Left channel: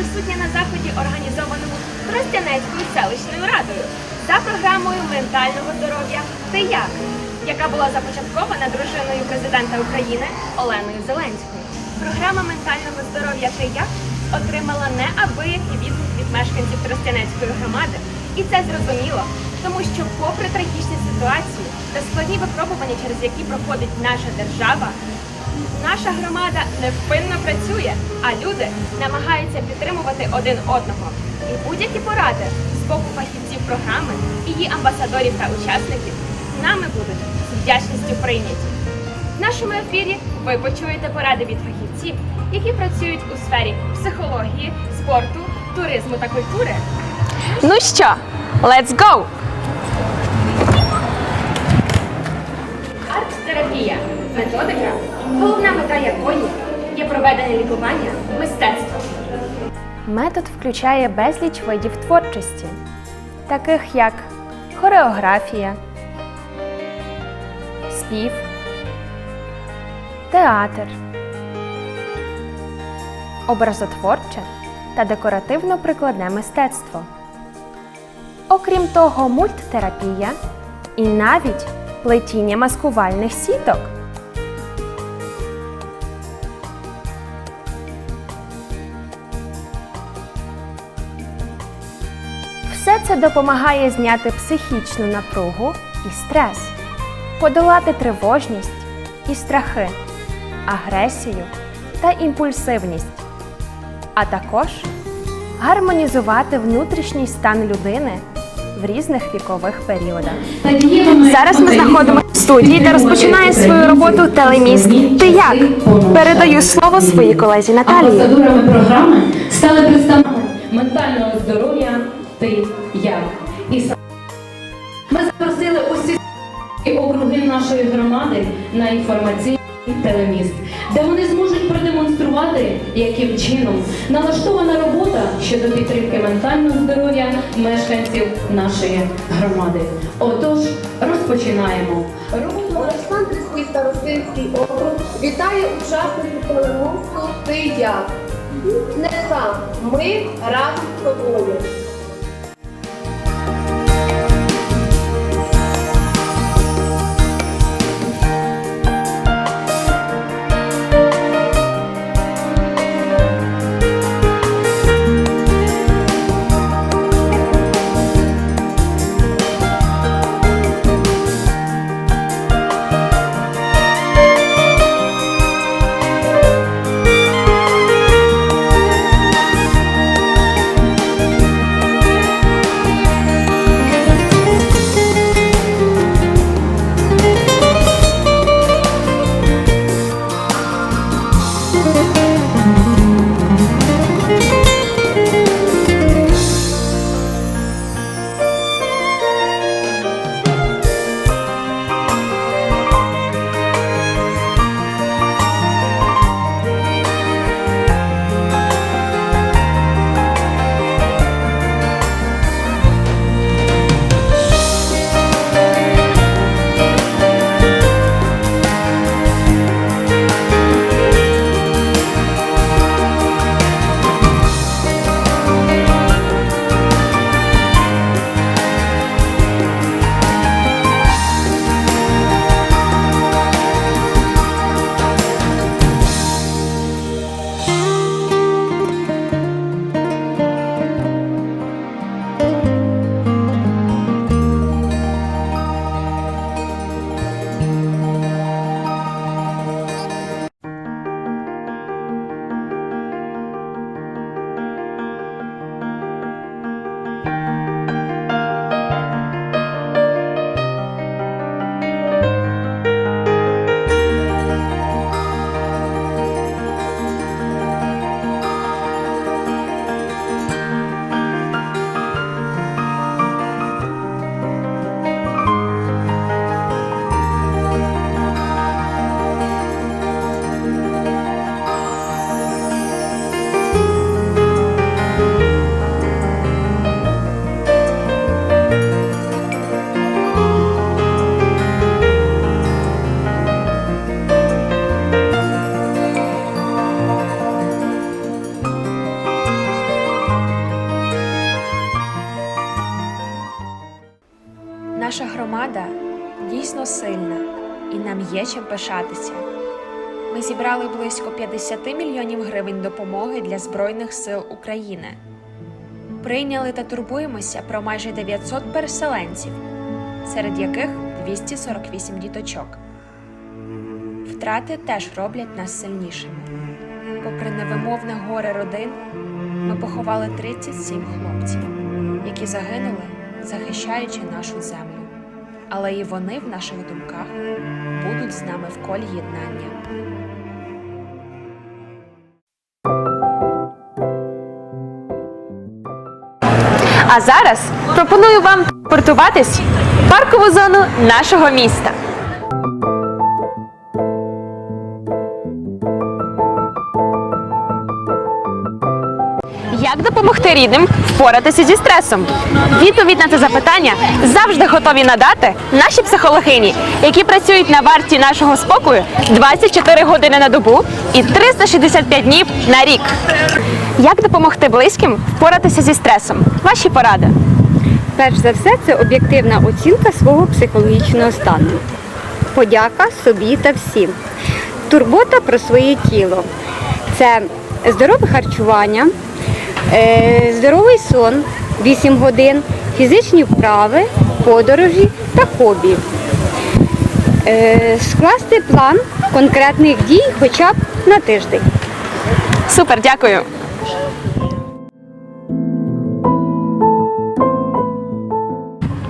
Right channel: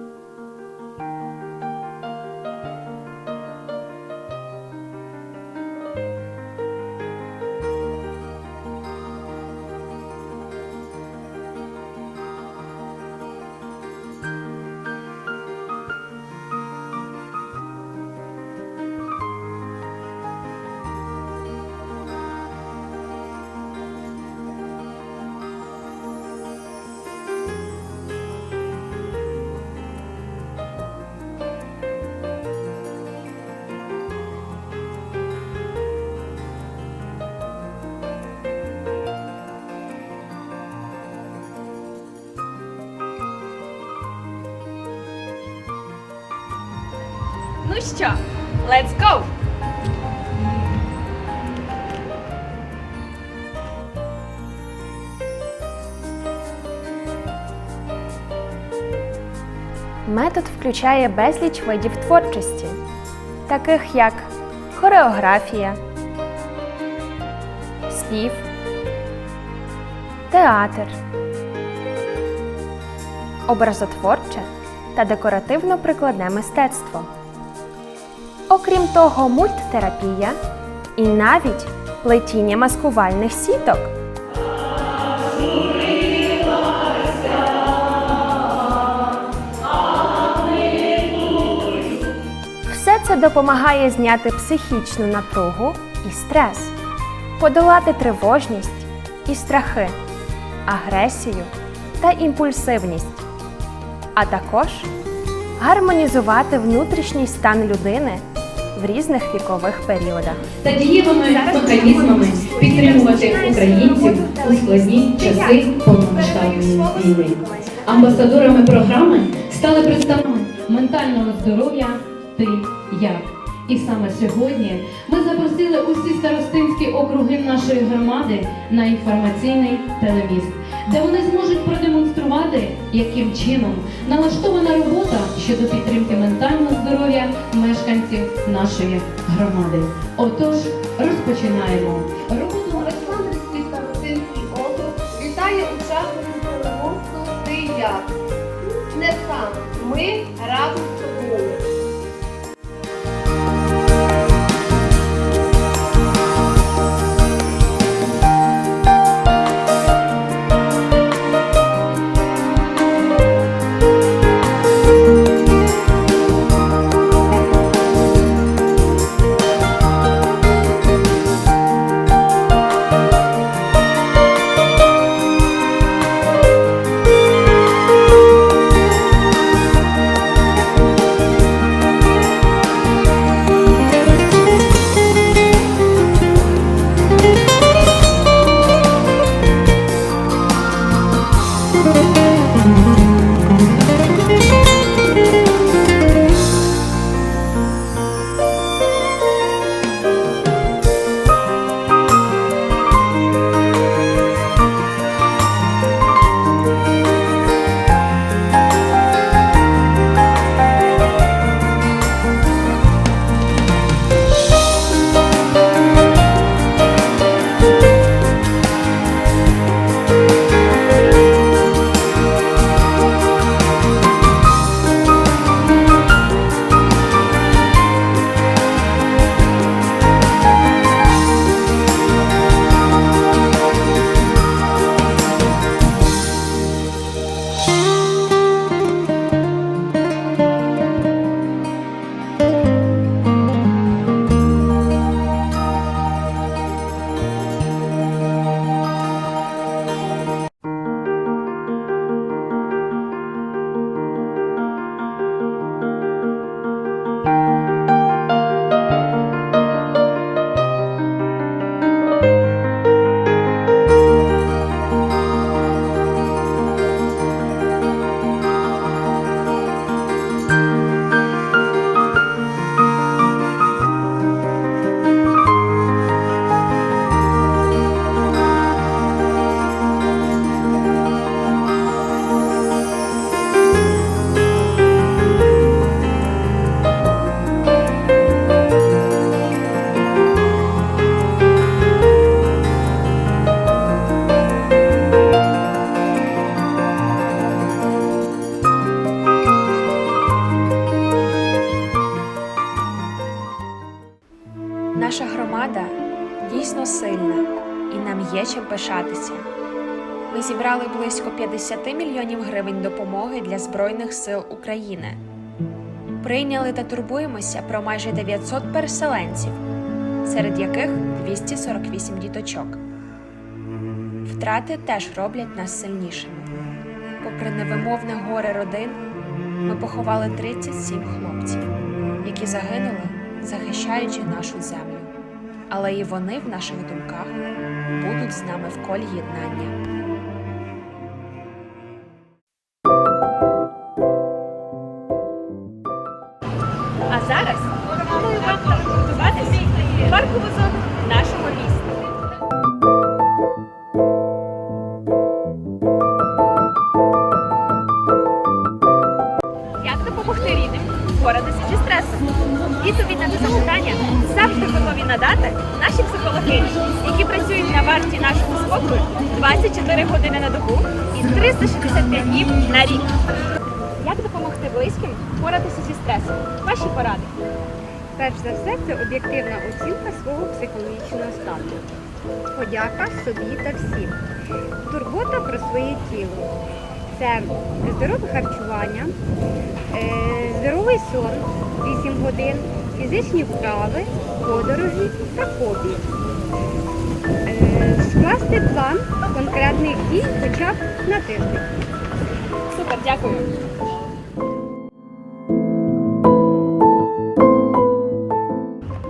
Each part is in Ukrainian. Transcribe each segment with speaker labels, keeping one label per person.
Speaker 1: присутня на заході, організованому Тростянецькою селищною радою за програмою ментального здоров'я «Ти як?», яка була започаткована дружиною президента України Оленою Зеленською. Програма ментального здоров'я «Ти як?» отримала неабиякий відгук від мешканців Тростянецької громади. І це зрозуміло, тому що, попри трагічні ситуації та складні випробування, через які проходить наша держава, Наша громада невпинно працює, а люди намагаються підтримувати один одного. І будь-які поради з боку фахівців програми, її амбасадорів та учасників нами будуть з вдячністю прийняті. В нашому ефірі ви почуєте поради від фахівців, які працюють у сфері психології, спорту, туризму та культури. Ну що, let's go! Арт-терапія методика, головна мета якої є проведення лікування мистецтвом.
Speaker 2: Метод включає безліч видів творчості, таких як хореографія, спів, театр, образотворче та декоративно-прикладне мистецтво. Окрім того, мульттерапія і навіть плетіння маскувальних сіток. Це допомагає зняти психічну напругу і стрес, подолати тривожність і страхи, агресію та імпульсивність, а також гармонізувати внутрішній стан людини в різних вікових періодах. Зараз ми знаходимося в студії, де розпочинає свою роботу телеміст «Ти як?». Передаю слово своїй колезі Наталії.
Speaker 3: Амбасадорами програми стали представниками ментального здоров'я «Ти як?». І саме сьогодні ми запросили усі старостинські округи нашої громади на інформаційний телеміст, де вони зможуть продемонструвати, яким чином налаштована робота щодо підтримки ментального здоров'я мешканців нашої громади. Отож, розпочинаємо. Роботу
Speaker 4: Олександрівський старостинський округ вітає учасників телемосту «Ти як?». Не сам, ми разом з тобою.
Speaker 1: Громада дійсно сильна і нам є чим пишатися. Ми зібрали близько 50 мільйонів гривень допомоги для Збройних сил України. Прийняли та турбуємося про майже 900 переселенців, серед яких 248 діточок. Втрати теж роблять нас сильнішими. Попри невимовне горе родин, ми поховали 37 хлопців, які загинули, захищаючи нашу землю. Але і вони в наших думках будуть з нами в колі єднання. А зараз пропоную вам портуватись в паркову зону нашого міста. Допомогти рідним впоратися зі стресом? Відповідь на це запитання завжди готові надати наші психологині, які працюють на варті нашого спокою 24 години на добу і 365 днів на рік. Як допомогти близьким впоратися зі стресом? Ваші поради.
Speaker 5: Перш за все, це об'єктивна оцінка свого психологічного стану. Подяка собі та всім. Турбота про своє тіло. Це здорове харчування, здоровий сон 8 годин, фізичні вправи, подорожі та хобі. Е, Скласти план конкретних дій хоча б на тиждень.
Speaker 1: Супер, дякую.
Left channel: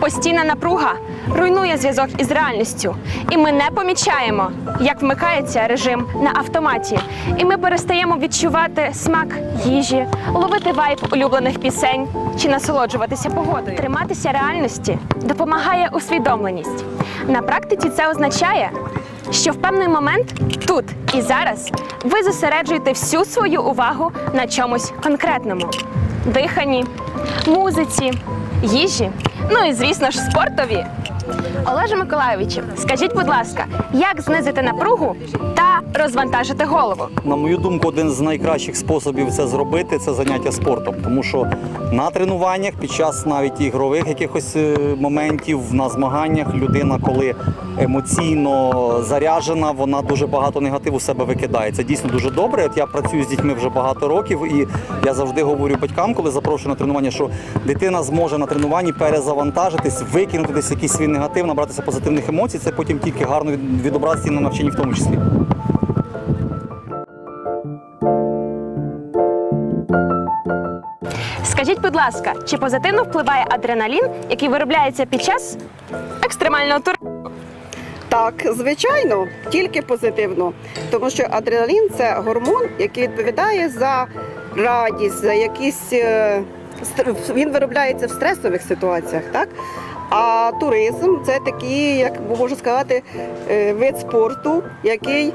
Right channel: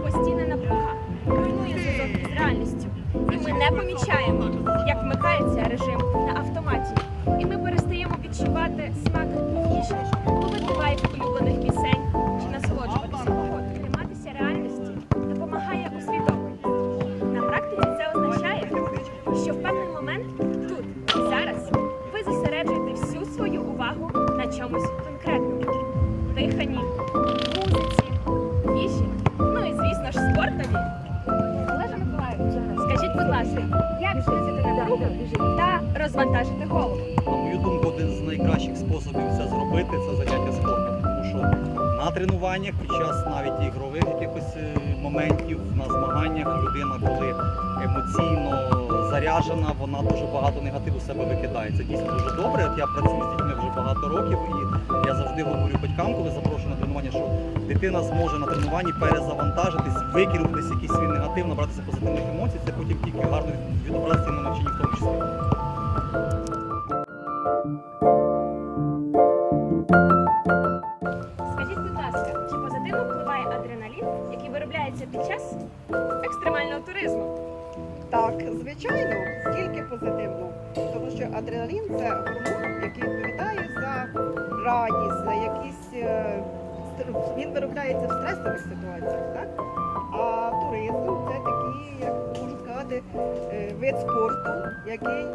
Speaker 1: Постійна напруга руйнує зв'язок із реальністю, і ми не помічаємо, як вмикається режим на автоматі, і ми перестаємо відчувати смак їжі, ловити вайб улюблених пісень чи насолоджуватися погодою. Триматися реальності допомагає усвідомленість. На практиці це означає, що в певний момент тут і зараз ви зосереджуєте всю свою увагу на чомусь конкретному: диханні, музиці, їжі, ну і звісно ж спортові. Олеже Миколайовичу, скажіть, будь ласка, як знизити напругу та розвантажити голову?
Speaker 6: На мою думку, один з найкращих способів це зробити це заняття спортом, тому що на тренуваннях під час навіть ігрових якихось е, моментів на змаганнях людина, коли емоційно заряджена, вона дуже багато негативу себе викидає. Це дійсно дуже добре. От я працюю з дітьми вже багато років, і я завжди говорю батькам, коли запрошую на тренування, що дитина зможе на тренуванні перезавантажитись, викинути десь якийсь свій негатив, набратися позитивних емоцій. Це потім тільки гарно від- відобразиться і на навчанні в тому числі.
Speaker 1: Скажіть, будь ласка, чи позитивно впливає адреналін, який виробляється під час екстремального туризму?
Speaker 7: Так, звичайно, тільки позитивно. Тому що адреналін це гормон, який відповідає за радість, за якісь. е, Він виробляється в стресових ситуаціях, так? А туризм це такий, як можу сказати, е, вид спорту, який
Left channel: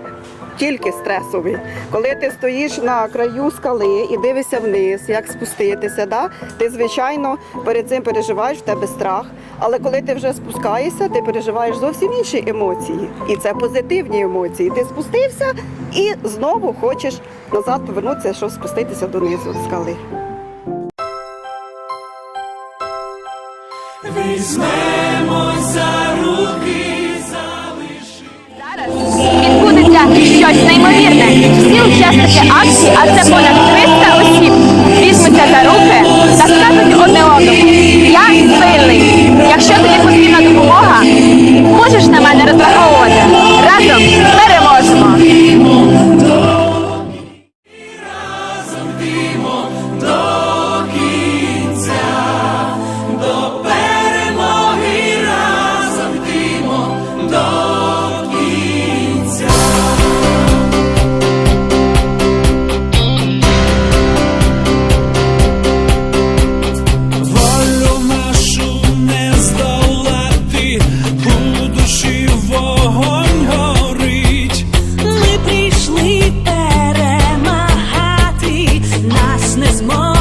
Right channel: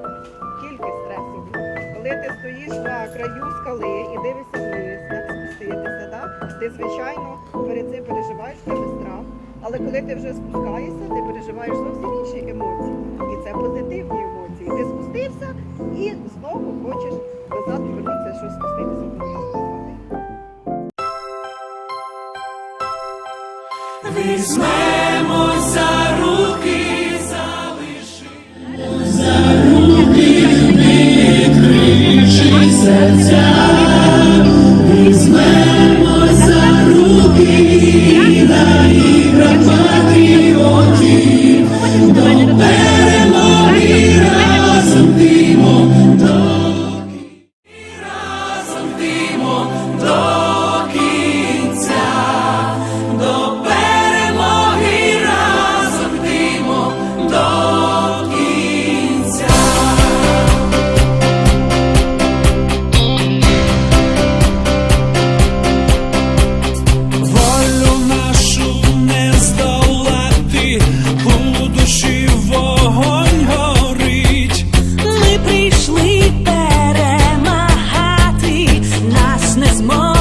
Speaker 7: тільки стресовий. Коли ти стоїш на краю скали і дивишся вниз, як спуститися, да? ти звичайно перед цим переживаєш в тебе страх. Але коли ти вже спускаєшся, ти переживаєш зовсім інші емоції. І це позитивні емоції. Ти спустився і знову хочеш назад повернутися, щоб спуститися донизу скали.
Speaker 1: Відбудеться щось неймовірне. Всі учасники акції,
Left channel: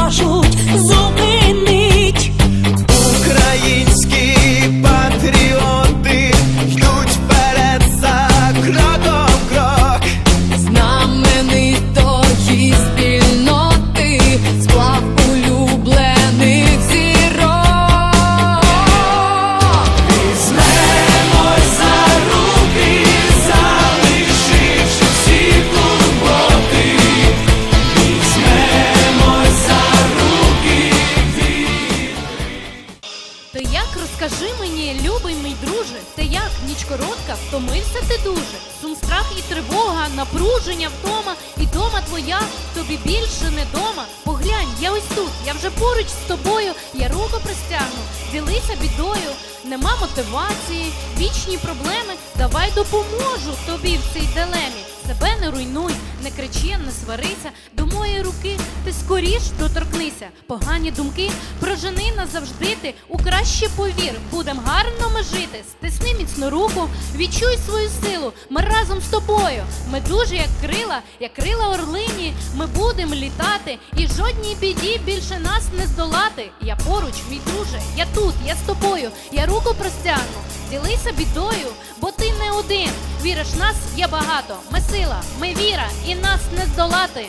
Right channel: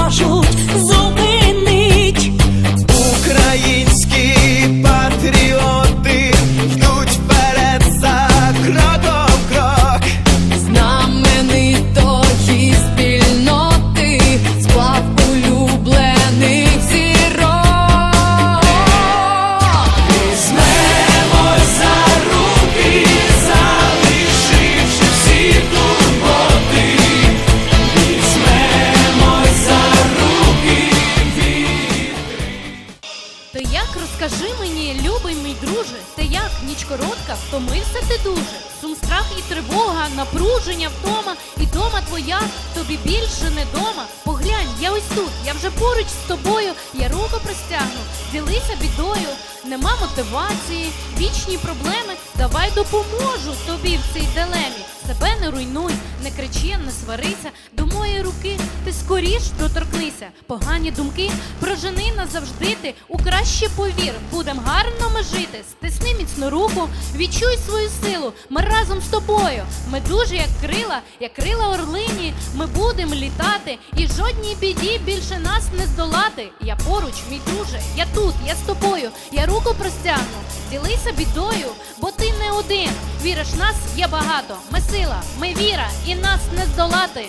Speaker 1: кажуть зуби.
Speaker 3: Втомився ти дуже. Сум, страх і тривога, напруження, втома. І дома твоя тобі більше не дома. Поглянь, я ось тут, я вже поруч з тобою. Я руку простягну, ділися бідою. Нема мотивації, вічні проблеми. Давай допоможу тобі в цій дилемі. Себе не руйнуй, не кричи, не сварися. До моєї руки ти скоріш доторкнися. Погані думки прожени назавжди ти. У краще повір, будем гарно ми жити. Стисни міцну руку, відчуй свою силу. Ми разом з тобою. Ми дуже як крила, як крила орлині. Ми будемо літати, і жодній біді більше нас не здолати. Я поруч, мій друже, я тут, я з тобою. Я руку простягну, ділися бідою, бо ти не один. Віриш, нас є багато. Ми сила, ми віра, і нас не здолати.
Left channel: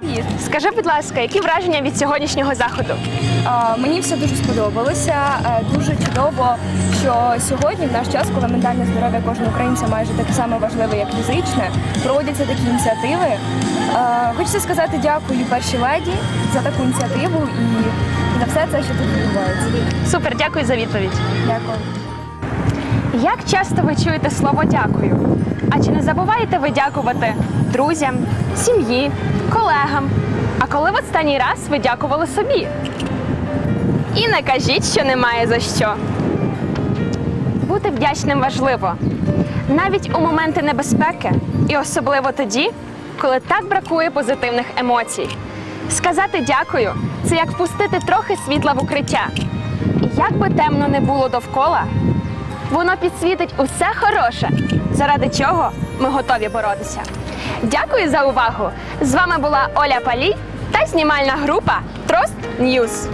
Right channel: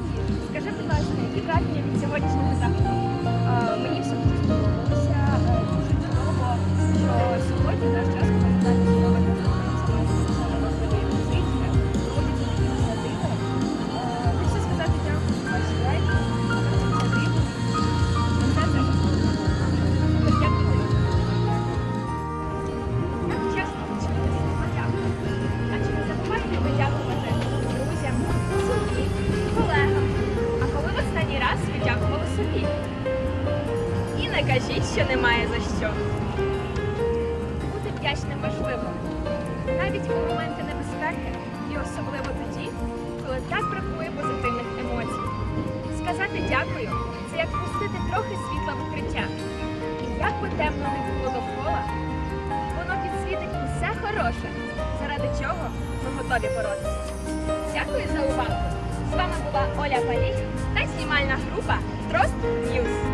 Speaker 1: Привіт! Скажи, будь ласка, які враження від сьогоднішнього заходу?
Speaker 8: А, Мені все дуже сподобалося. Е, Дуже чудово, що сьогодні, в наш час, коли ментальне здоров'я кожного українця майже таке саме важливе, як фізичне, проводяться такі ініціативи. Е, Хочеться сказати дякую першій леді за таку ініціативу і за все це, що тут відбувається.
Speaker 1: Супер, дякую за відповідь.
Speaker 8: Дякую.
Speaker 1: Як часто ви чуєте слово дякую? А чи не забуваєте ви дякувати друзям, сім'ї, колегам? А коли в останній раз ви дякували собі? І не кажіть, що немає за що. Бути вдячним важливо. Навіть у моменти небезпеки, і особливо тоді, коли так бракує позитивних емоцій. Сказати дякую це як впустити трохи світла в укриття. Як би темно не було довкола, Воно підсвітить усе хороше, заради чого ми готові боротися. Дякую за увагу! З вами була Оля Палій та знімальна група Трост Ньюз.